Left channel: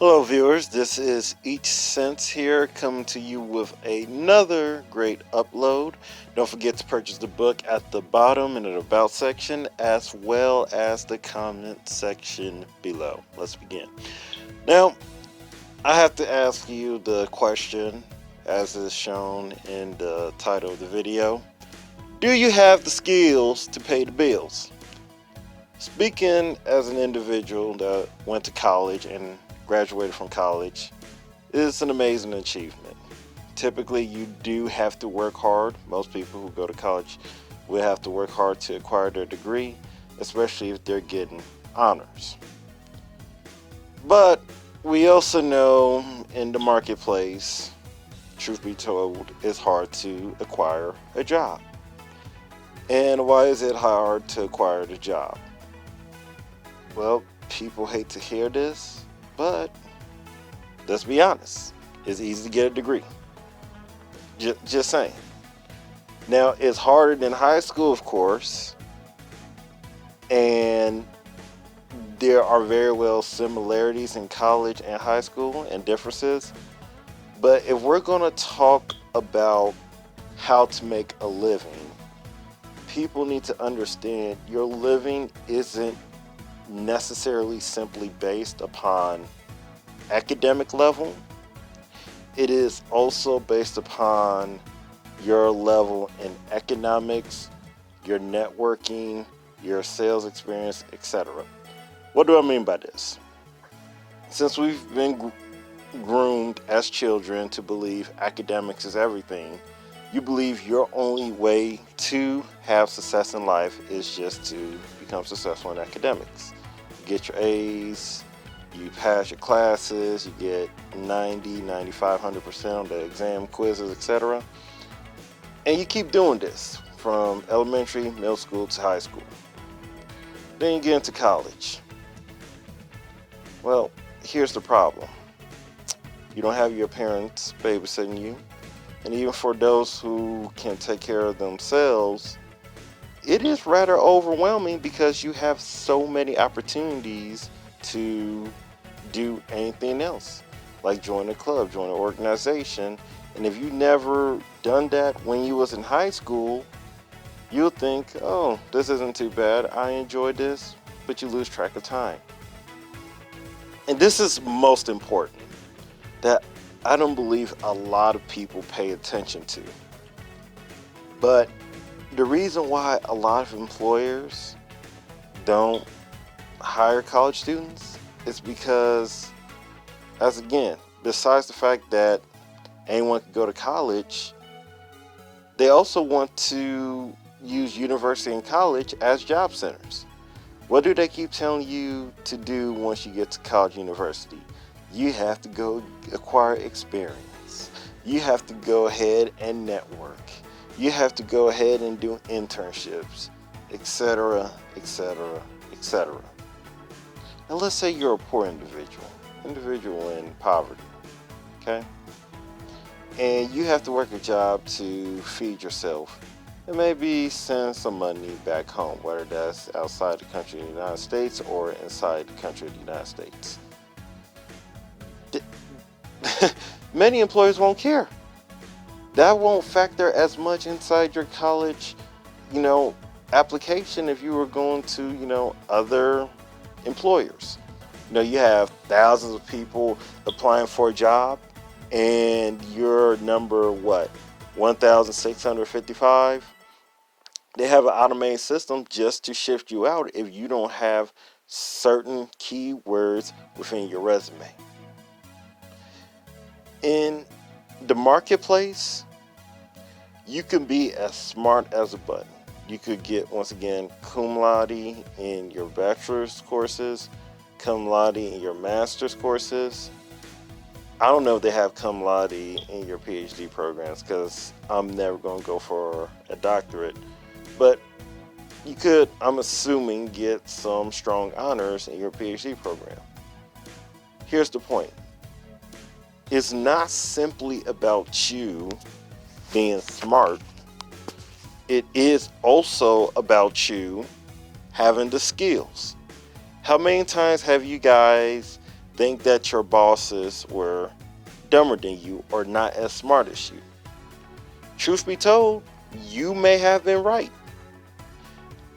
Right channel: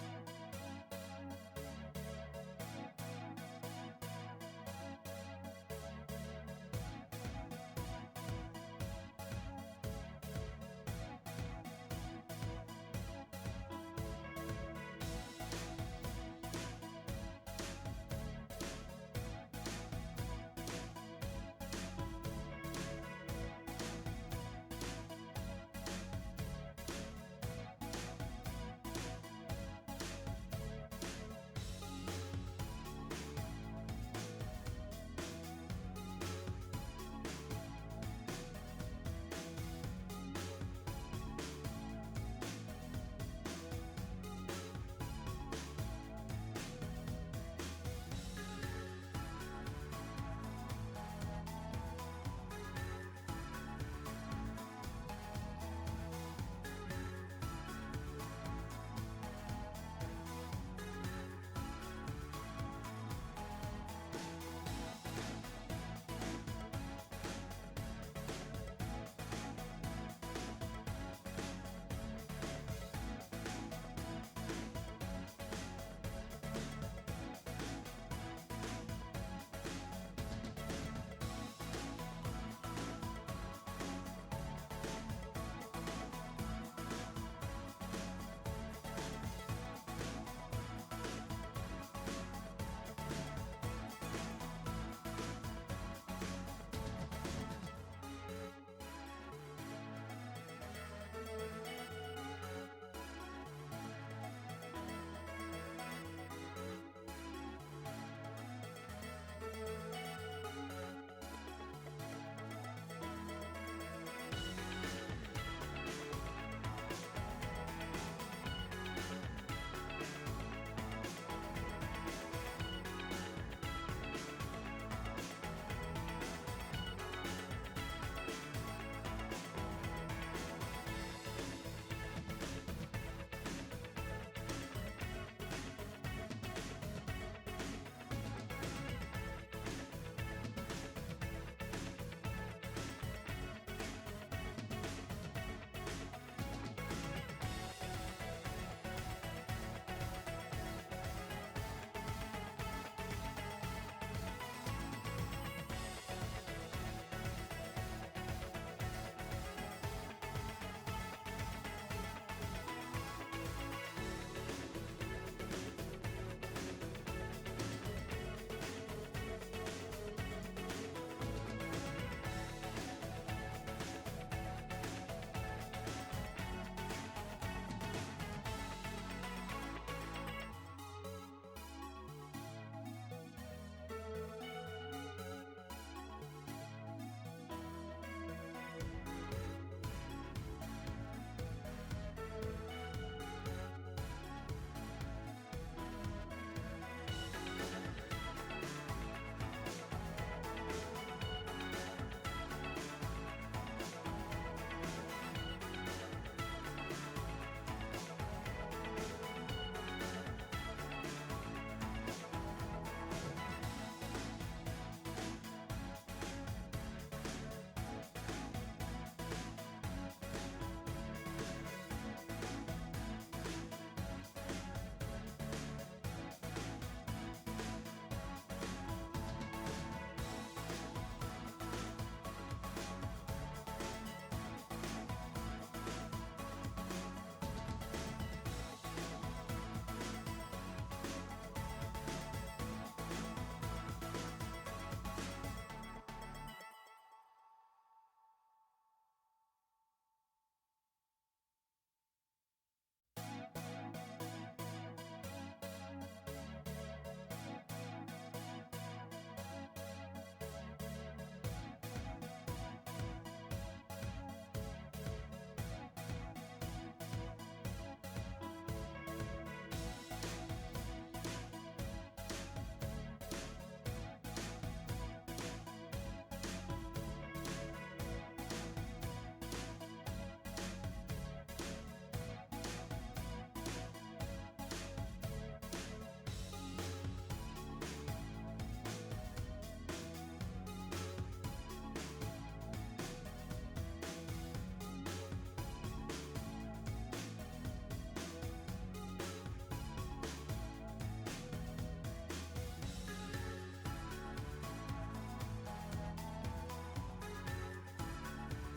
Hello, viewers. This is Each Sense here, coming to you with another great upload. Don't forget to purchase the book at the bottom in the About section, as well as the comment section below. Let's begin. Now, I have to ask you the question, as is shown in the title of the video. Do you have the skills to pay the bills? Speaking as an individual that went to college and graduated from college, is an amazing achievement. Typically, you do have to work hard. Most people who go to college will have to work hard to acquire their degree, especially if they're getting honors. But we also know in the marketplace, truth be told, it's hard to acquire a job. And why is it hard to acquire the job? Well, people hate to hear this, but let's be honest, it's easy to get a degree. Just saying. Now, it's harder than high school, of course, and there are very well similarities in college and high school and differences. But if we're going to talk about how to make a living, people need to understand your living isn't necessarily simply based upon academic level. It is also based upon your level in economics, your networking, your sales experience, etc. What do I mean by this? Since we've been groomed as children to believe academics is everything, you believe your only way to have success in life is just to become successful in academics. You get your A's, you pass your classes, you get 90, 95, 100% on the exam, quizzes, etc. And you keep doing this from elementary, middle school to high school. Then you get into college. Well, here's the problem. You don't have your parents babysitting you. And even for those who can take care of themselves, it is rather overwhelming because you have so many opportunities to do anything else, like join a club, join an organization. And if you never done that when you was in high school, you'll think, oh, this isn't too bad, I enjoy this, but you lose track of time. And this is most important, that I don't believe a lot of people pay attention to. But the reason why a lot of employers don't hire college students is because, as again, besides the fact that anyone can go to college, they also want to use university and college as job centers. What do they keep telling you to do once you get to college university? You have to go acquire experience. You have to go ahead and network. You have to go ahead and do internships, etc., etc., etc. And let's say you're a poor individual in poverty, okay? And you have to work a job to feed yourself and maybe send some money back home, whether that's outside the country of the United States or inside the country of the United States. Many employers won't care. That won't factor as much inside your college, application if you were going to, other employers. You have thousands of people applying for a job and you're number 1,655. They have an automated system just to shift you out if you don't have certain keywords within your resume. In the marketplace, you can be as smart as a button. You could get, once again, cum laude in your bachelor's courses, cum laude in your master's courses. I don't know if they have cum laude in your PhD programs because I'm never going to go for a doctorate. But you could, I'm assuming, get some strong honors in your PhD program. Here's the point. It's not simply about you being smart. It is also about you having the skills. How many times have you guys think that your bosses were dumber than you or not as smart as you. Truth be told, you may have been right.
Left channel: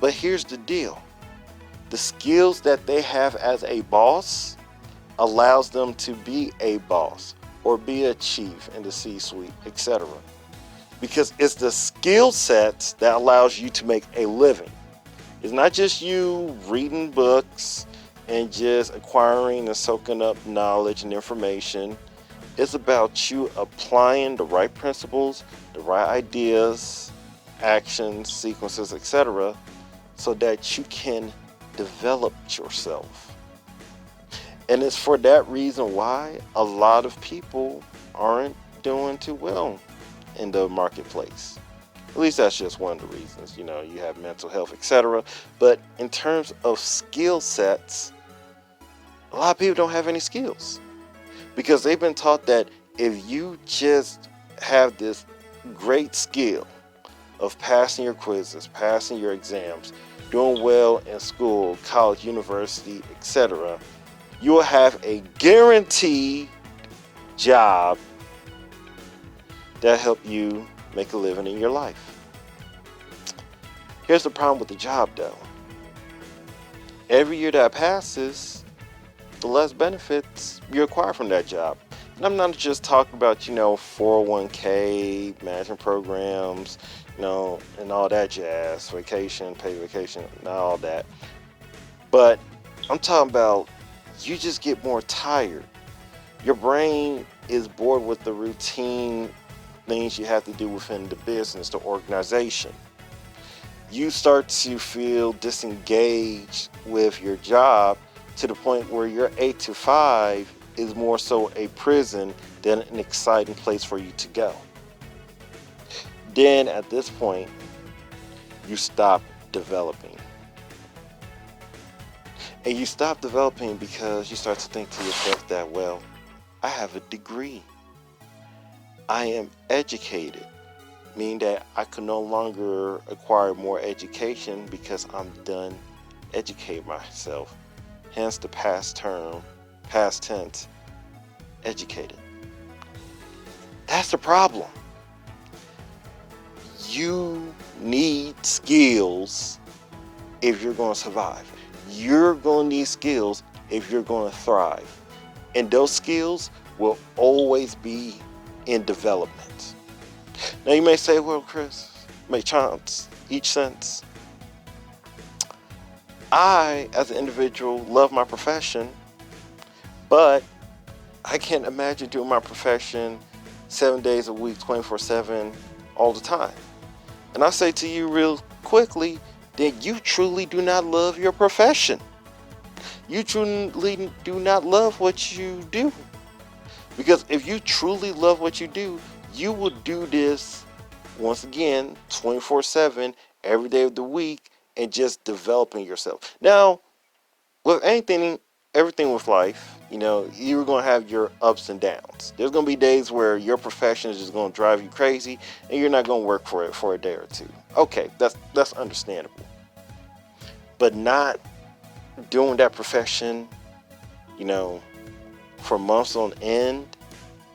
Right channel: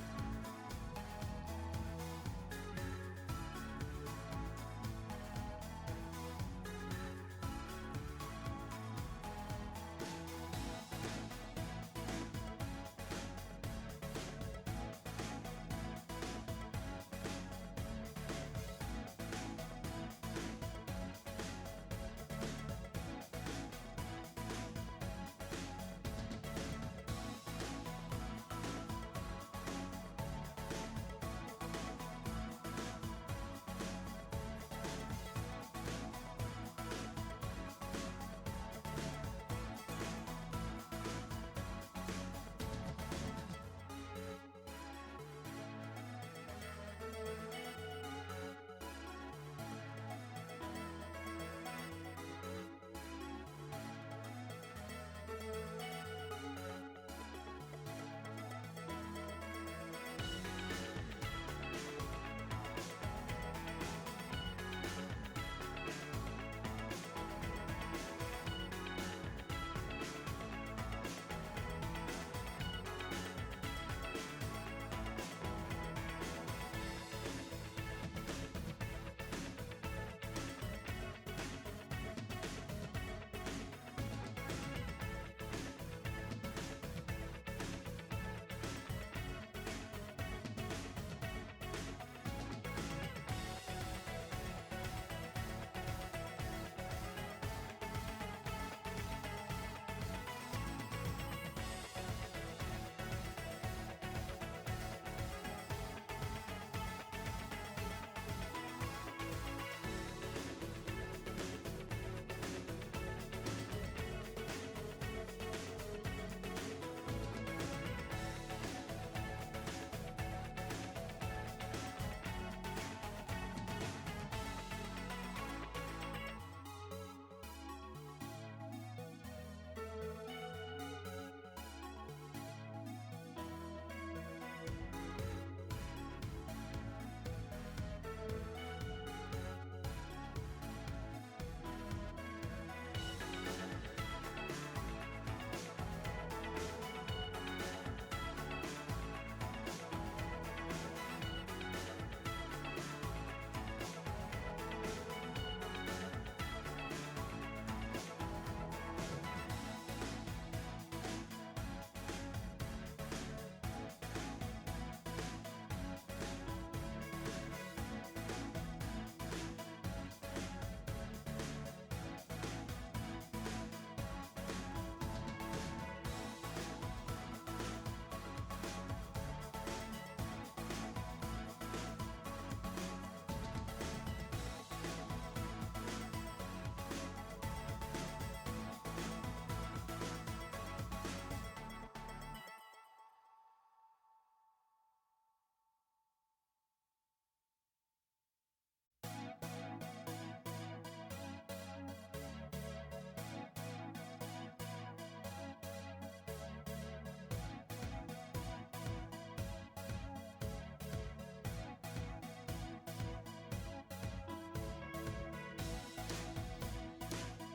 But here's the deal. The skills that they have as a boss allows them to be a boss or be a chief in the C-suite, etc. Because it's the skill sets that allows you to make a living. It's not just you reading books and just acquiring and soaking up knowledge and information. It's about you applying the right principles, the right ideas, actions, sequences, etc., so that you can develop yourself. And it's for that reason why a lot of people aren't doing too well in the marketplace. At least that's just one of the reasons. You have mental health, etc. But in terms of skill sets, a lot of people don't have any skills because they've been taught that if you just have this great skill of passing your quizzes, passing your exams, doing well in school, college, university, etc., you will have a guaranteed job that help you make a living in your life. Here's the problem with the job though. Every year that passes, the less benefits you acquire from that job. And I'm not just talking about, 401k, management programs, and all that jazz, vacation, paid vacation, and all that. But I'm talking about you just get more tired. Your brain is bored with the routine things you have to do within the business, the organization. You start to feel disengaged with your job to the point where your 8 to 5 is more so a prison than an exciting place for you to go. Then at this point, you stop developing. And you stop developing because you start to think to yourself that, well, I have a degree. I am educated, meaning that I can no longer acquire more education because I'm done educating myself. Hence the past tense, educated. That's the problem. You need skills if you're going to survive. You're going to need skills if you're going to thrive. And those skills will always be in development. Now you may say, well, Chris, make chance, each sense. I, as an individual, love my profession, but I can't imagine doing my profession 7 days a week, 24/7, all the time. And I say to you real quickly, that you truly do not love your profession. You truly do not love what you do. Because if you truly love what you do, you would do this, once again, 24/7, every day of the week, and just developing yourself. Now, with everything with life, you're going to have your ups and downs. There's going to be days where your profession is just going to drive you crazy, and you're not going to work for it for a day or two. Okay, that's understandable. But not doing that profession, for months on end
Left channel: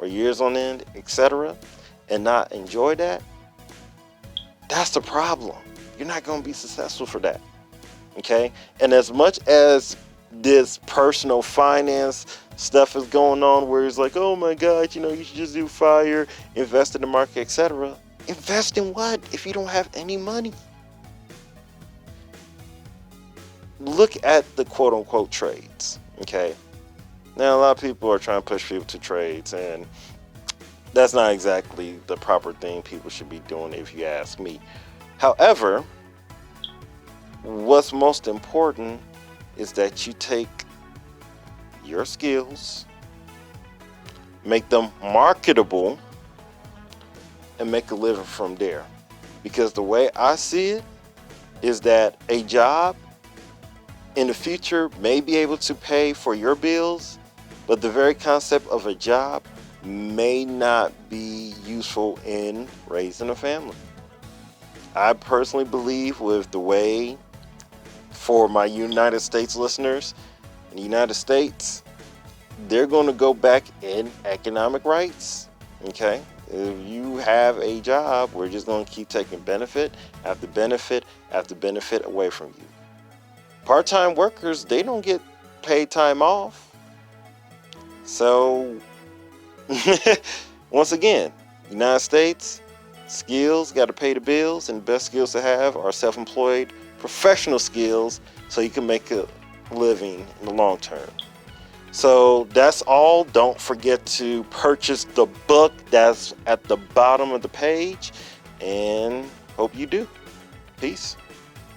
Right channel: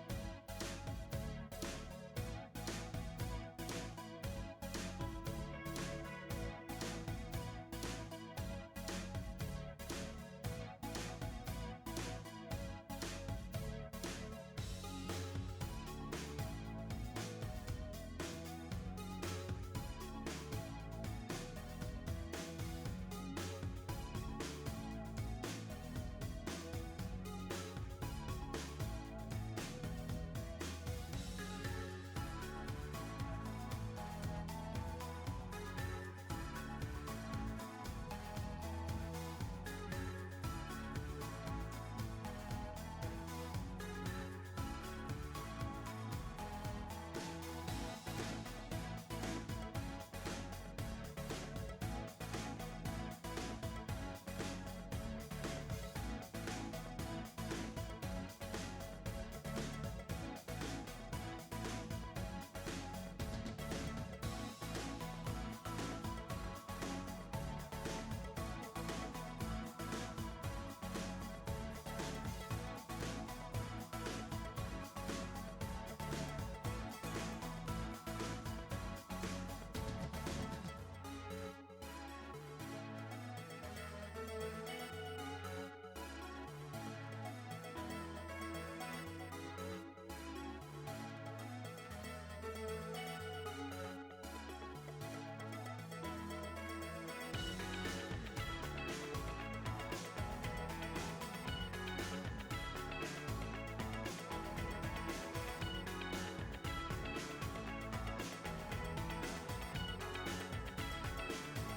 or years on end, etc., and not enjoy that, that's the problem. You're not going to be successful for that. Okay? And as much as this personal finance stuff is going on where it's like, oh my God, you should just do fire, invest in the market, etc. Invest in what if you don't have any money? Look at the quote unquote trades. Okay? Now, a lot of people are trying to push people to trades, and that's not exactly the proper thing people should be doing if you ask me. However, what's most important is that you take your skills, make them marketable, and make a living from there. Because the way I see it is that a job in the future may be able to pay for your bills, but the very concept of a job may not be useful in raising a family. I personally believe with the way, for my United States listeners, in the United States, they're going to go back in economic rights. Okay? If you have a job, we're just going to keep taking benefit after benefit after benefit away from you. Part-time workers, they don't get paid time off. So, once again, United States, skills, got to pay the bills, and the best skills to have are self-employed, professional skills, so you can make a living in the long term. So that's all. Don't forget to purchase the book that's at the bottom of the page, and hope you do. Peace.